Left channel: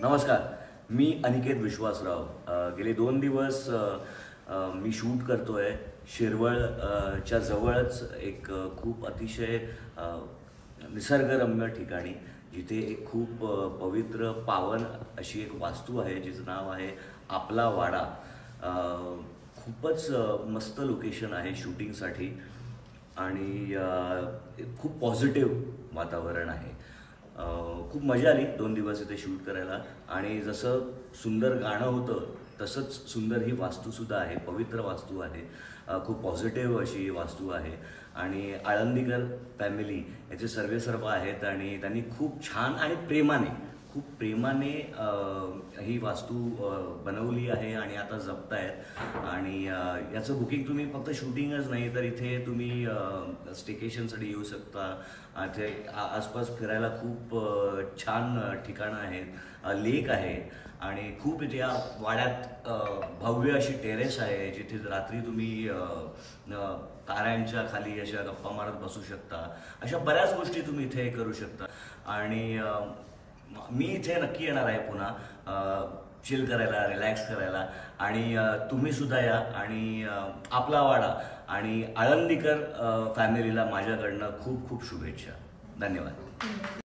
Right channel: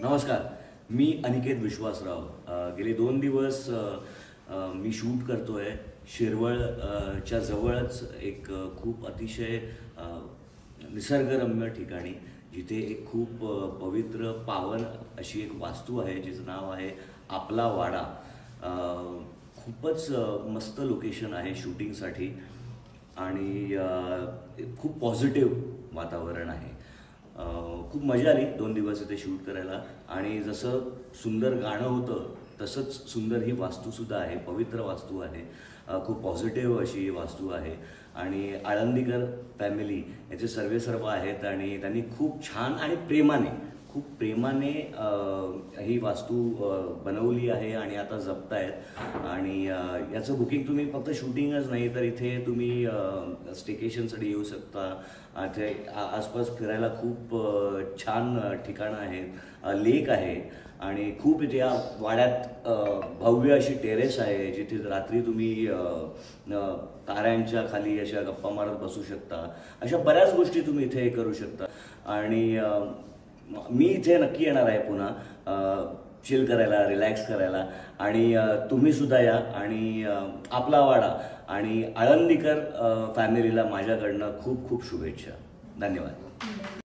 नमस्कार, मी अनिकेत विश्वासराव। गेले 2 दिवस मी शूट करतोय शिरवळच्या जवळच एक खूप अतिशय निसर्गरम्य ठिकाणी, जिथे एक खूप पवित्र पावन अशी एक वास्तू आहे, जिचं नाव आहे आपला वाडा। खूपच मस्त लोकेशन आहे शूटिंगसाठी आणि खूप पॉझिटिव्ह वातावरण आहे। खूप मजा आली 2 दिवस इथे शूट करायला आणि जसं सुंदर गाणं होतं तसंच सुंदर ही वास्तू सुद्धा आहे, पवित्र वास्तू आहे। खूप पॉझिटिव्ह अशी वास्तू आहे आणि आळंदीकर फॅमिली याचे सर्वेसर्व आहेत आणि त्यांनी खूप छान आणि प्रेमाने ही वास्तू बनवली आहे आणि आता जपतायत। आणि याचं बुकिंग तुम्ही फक्त शूटिंगच नाही तर इथे तुम्ही स्टेकेशनसाठी येऊ शकता। इथे आसपास फिरायला खूप छान ठिकाणं आहेत, लेक आहे आणि खूप इथे या वाड्यात भव्य अशी टेरेस आहे, जिथे रात्री तुम्ही ताऱ्यांच्या खाली अशा गप्पा मारत बसू शकता। अशा बऱ्याच गोष्टी तुम्ही इथे करू शकता आणि मी इथे नक्की येणार आहे पुन्हा चिल करायला, रिलॅक्स करायला आणि तुम्ही सुद्धा या आणि आपला वाडा आणि आळंदीकर फॅमिलीला माझ्याकडनं खूप खूप शुभेच्छा। धन्यवाद।